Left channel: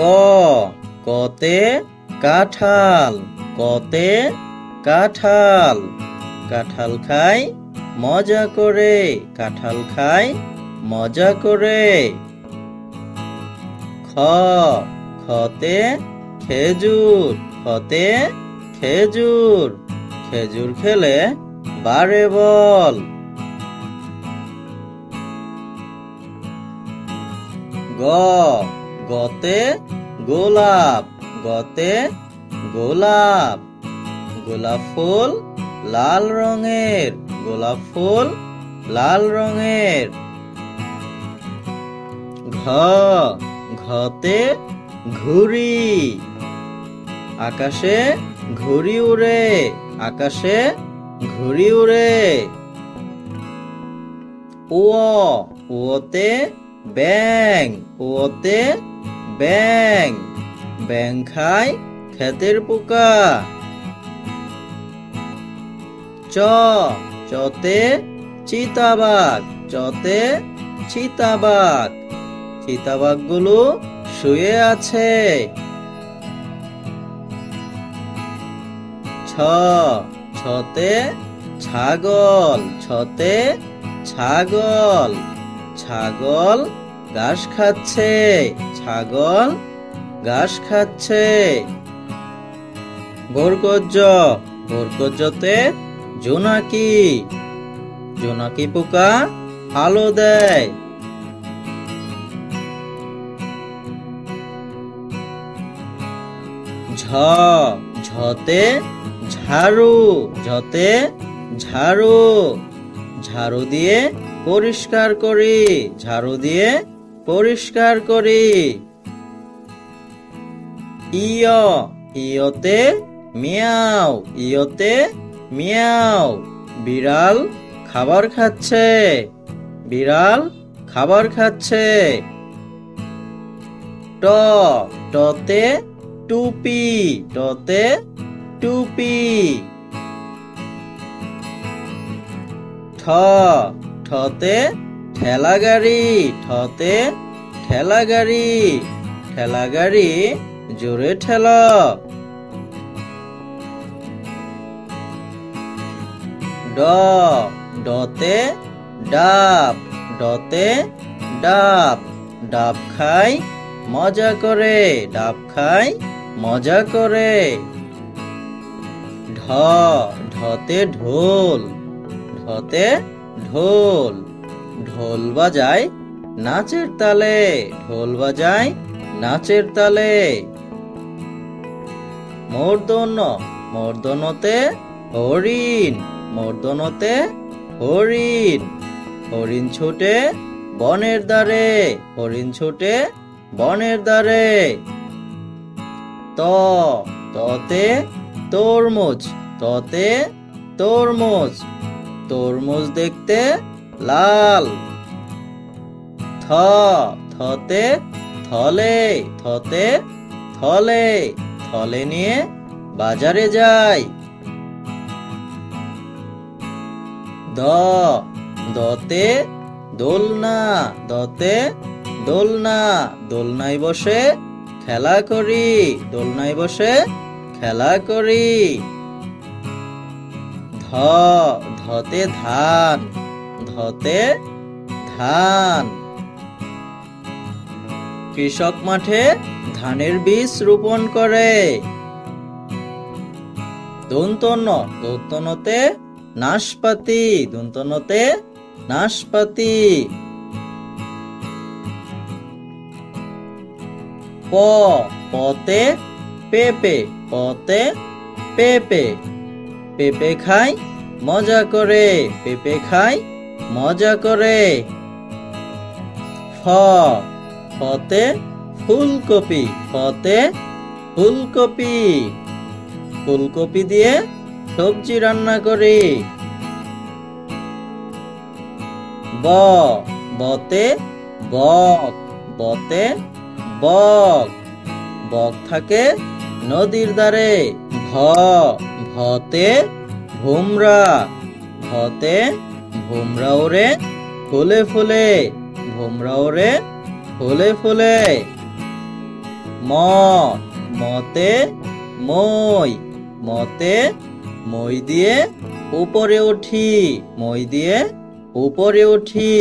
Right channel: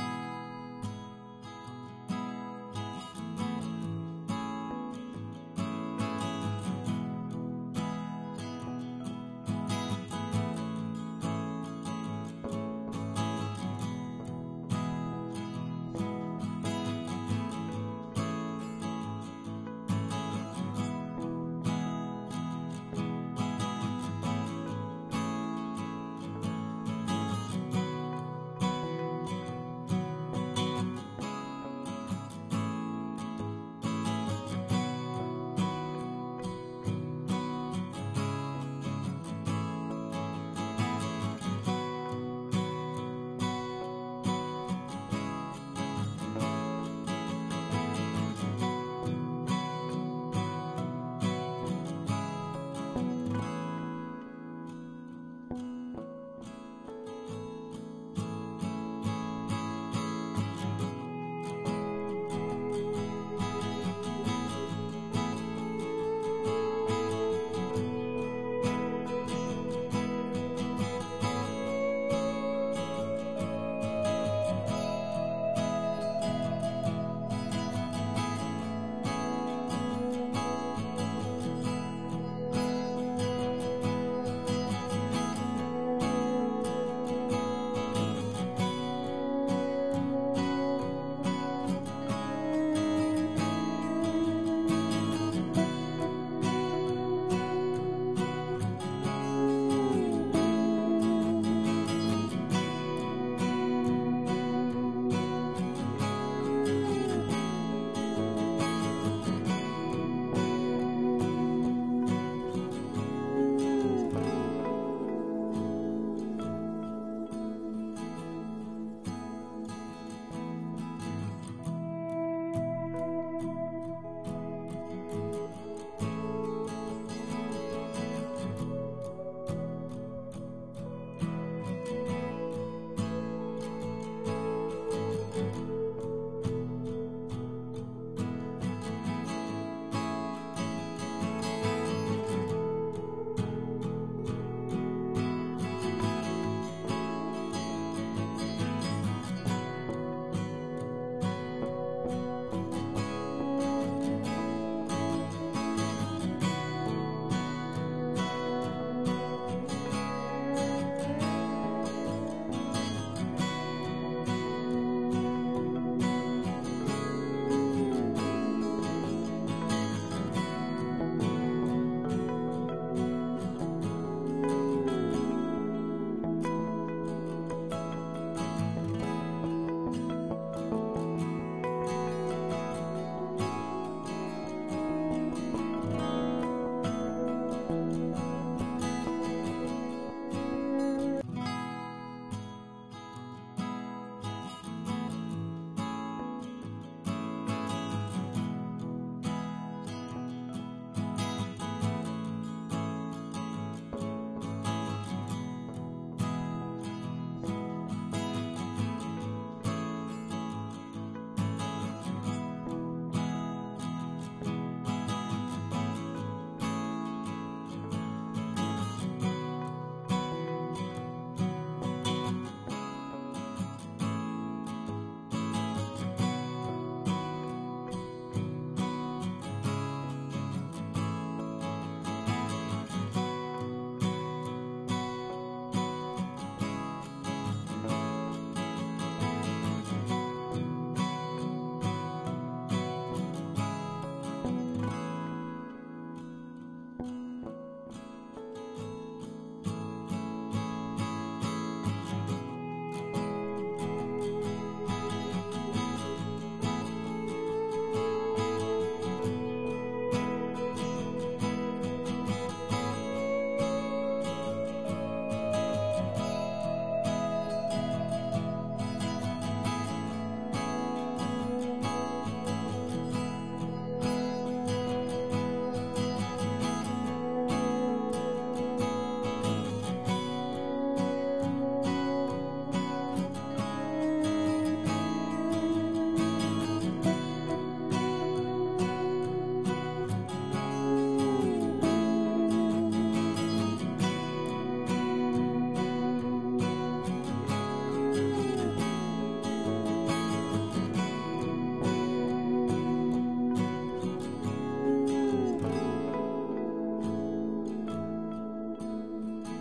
ক কতে কাঁঠাল, কতে কাঁঠাল, কাঁঠাল খাই মজা করে, কাঁঠাল খাই মজা করে। খ খতে খেজুর, খতে খেজুর, খেজুর খেলে বাড়ে বল। গ গতে গোলাপ, গতে গোলাপ, গোলাপ ফুল লাল রঙের, গোলাপ ফুল লাল রঙের। ঘ ঘতে ঘুড়ি, আকাশে ঘুড়ি উড়ে, আকাশে ঘুড়ি উড়ে। ও ওতে ব্যাঙ, ওতে ব্যাঙ, ব্যাঙ খায় ক্ষেতের পোকা। চ চতে চিতাবাঘ, চতে চিতাবাঘ, চিতাবাঘগুলো শুয়ে আছে। ছ ছতে ছাগল, ছতে ছাগল, ছাগল ঘাস খাচ্ছে, ছাগল ঘাস খাচ্ছে। বরকজ্জ বরকজ্জতে জোনাকি, জোনাকি পোকা আলো দেয়। ঝ ঝতে ঝাড়ু, ঝতে ঝাড়ু, ঝাড়ু দিয়ে পরিষ্কার করি, ঝাড়ু দিয়ে পরিষ্কার করি। ইয় ইয়তে মিয়াও, ইয়তে মিয়াও, বিড়াল খাবার খাচ্ছে, বিড়াল খাবার খাচ্ছে। ট টতে টুপি, টতে টুপি। ঠ ঠতে ঠেলা গাড়ি, ঠতে ঠেলা গাড়ি, ঠেলা গাড়ি জোরে ঠেলা। ড ডতে ডাব, ডতে ডাব, ডাব খাই মজা করে, ডাব খাই মজা করে। ঢ ঢতে ঢোল, ঢতে ঢোল, ঢোল বাজায় নাচের তালে, ঢোল বাজায় নাচের তালে। মূর্ধন্য মূর্ধন্যতে হরিণ, মূর্ধন্যতে হরিণ, হরিণ ছুটে বনের দ্বারে, হরিণ ছুটে বনের দ্বারে। ত ততে তরমুজ, ততে তরমুজ, তরমুজ দেখতে লাল। থ থতে থলে, থতে থলে, থলে নিয়ে বাজারে যাই। দ দতে দোলনা, দতে দোলনা, দোলনায় বসে খেলা করি, দোলনায় বসে খেলা করি। ধ ধতে ধান, ধতে ধান, কৃষক মাঠে ধানের বীজ রোপণ করে। দন্তন্য দন্তন্যতে নাশপাতি, দন্তন্যতে নাশপাতি। প পতে পেঁপে, পতে পেঁপে, পেঁপে খাই মজা করে, পেঁপে খাই মজা করে। ফ ফতে ফুলকপি, ফতে ফুলকপি, ফুলকপি দিয়ে সবজি রান্না করি। ব বতে বক, বতে বক, বক থাকে নদীর ধারে। ভ ভতে ভুমরা, ভতে ভুমরা ওরে ফুলে ফুলে, ভুমরা ওরে ফুলে ফুলে। ম ম মতে মই মতে মই দিয়ে উপরে উঠি মই দিয়ে উপরে উঠি